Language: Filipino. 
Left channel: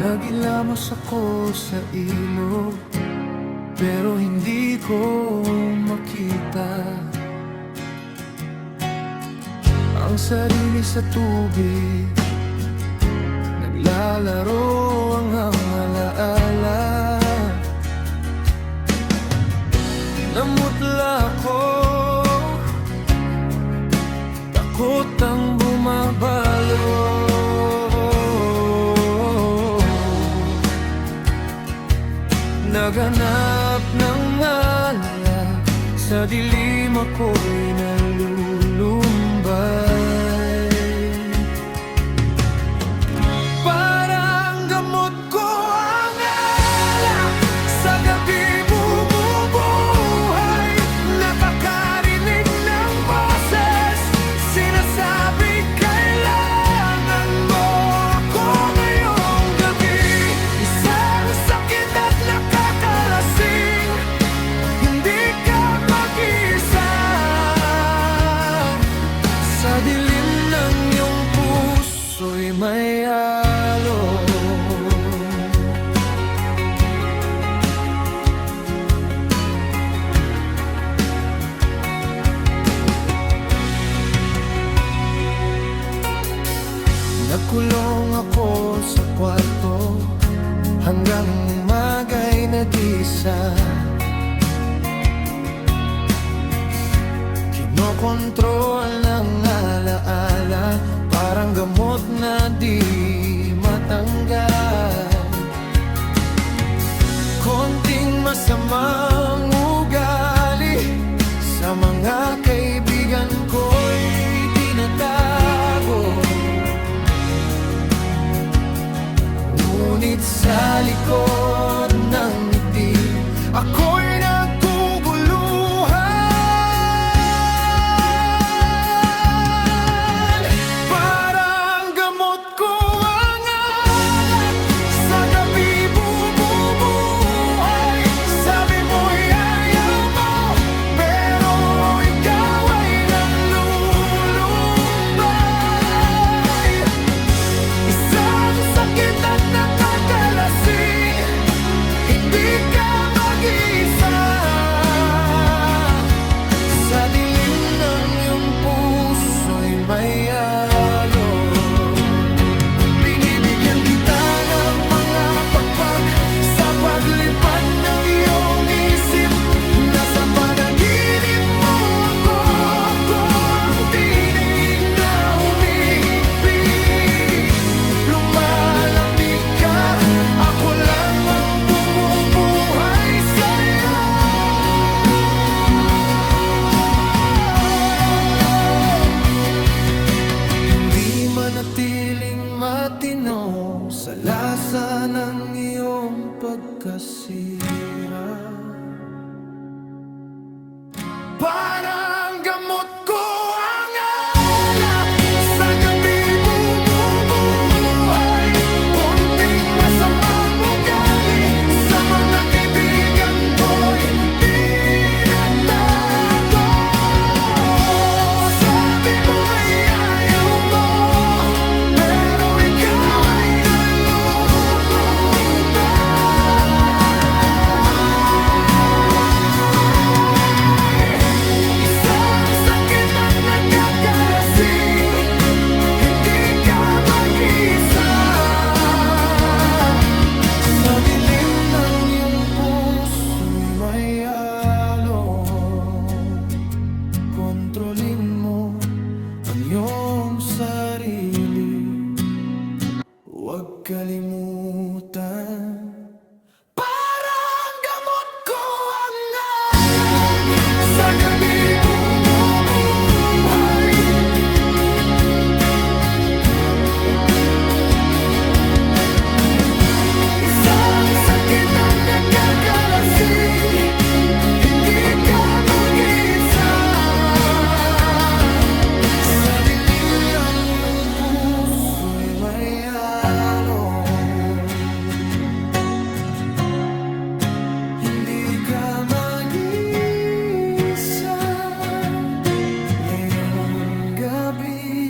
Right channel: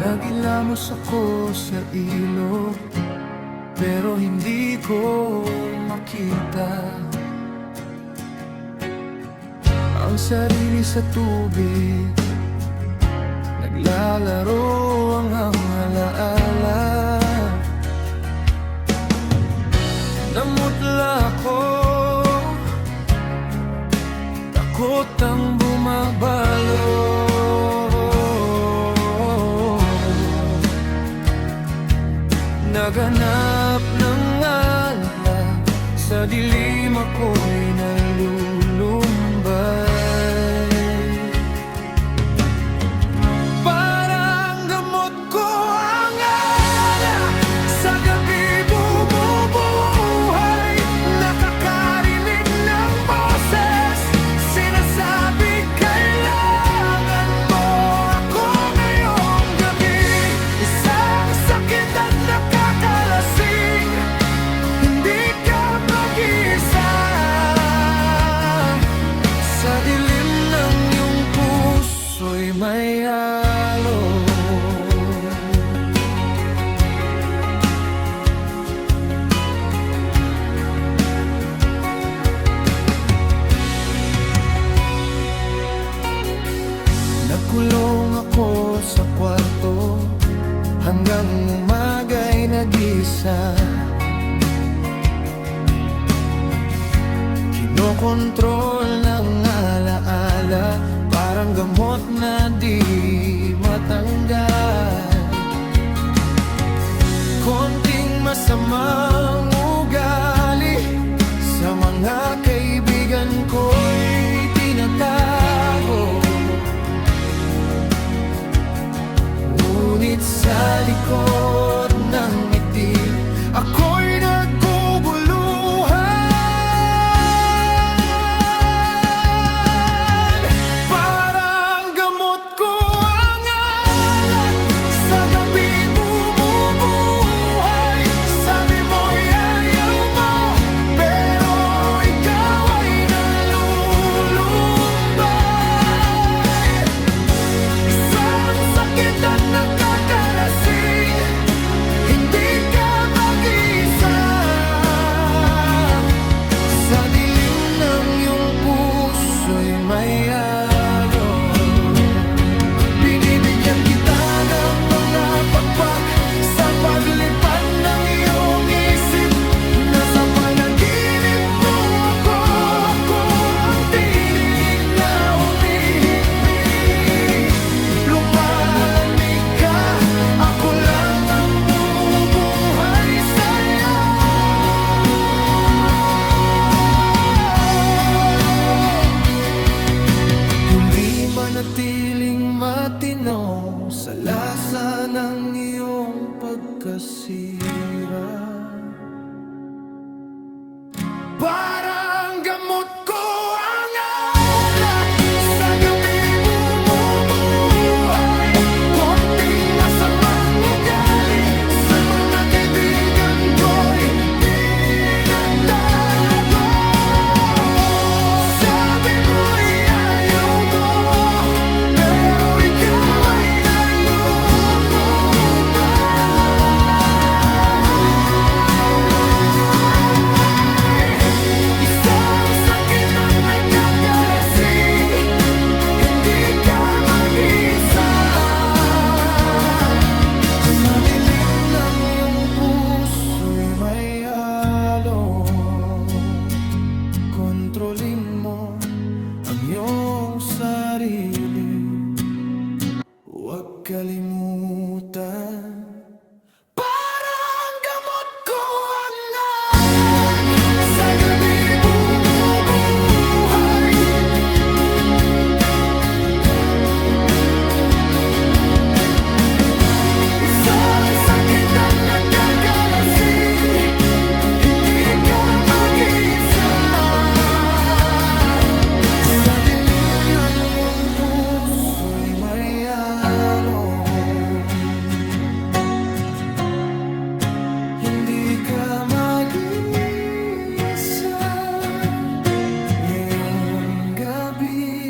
Nagilamos ako sa ilog, pero hindi ko makita ang sarili sa tubig. Naglalaro ang alaala. Namutla ako, takot ang bumabalo. Naghanap ng alak, sa dilim ako'y nalulumbay. Parang gamot ko ang alak, sa gabi bumubuhay. Nakakarinig ng boses, sinasabi kailangan mo ako ngayong gabi. Isang sakit at nakakalasing, hindi ka mag-isa. Sa dilim ng iyong puso'y may alon. Nagkulong ako sa kwarto, hanggang umaga'y nag-isa. Kinokontrol ng alaala, parang gamot na di matanggal. Konting masamang ugali, sa mga kaibigan ko'y tinatago. Ngunit sa likod ng ngiti, ako'y naguguluhan. Parang gamot ko ang alak, sa gabi bumubuhay. Sabi mo'y ayaw mo, pero ikaw ay nalulumbay. Isang sakit at nakakalasing, hindi ka mag-isa. Sa dilim ng iyong puso'y may alon. Binibigyan kita ng mga pakpak, sa paglipad ng iyong isip. Nasa panaginip mo ako ang tinig na humihigpit. Lumalamig ka, ako lang ang bumubuhay sa'yo. Hindi manatiling matino sa lasa ng iyong pagkasira. Parang gamot ko ang alak, sa gabi bumubuhay. Konting masamang ugali, sa mga kaibigan ko'y tinatago. Sabi mo'y ayaw mo, pero ikaw ay nalulumbay. Isang sakit at nakakalasing, hindi ka mag-isa. Sa dilim ng iyong puso'y may alon. Kontrolin mo ang iyong sarili, huwag kalimutan. Parang gamot ko ang alak, sa gabi bumubuhay. Isang sakit at nakakalasing, hindi ka mag-isa. Sa dilim ng iyong puso'y may alon. Hindi ka mag-isa ngayong gabi.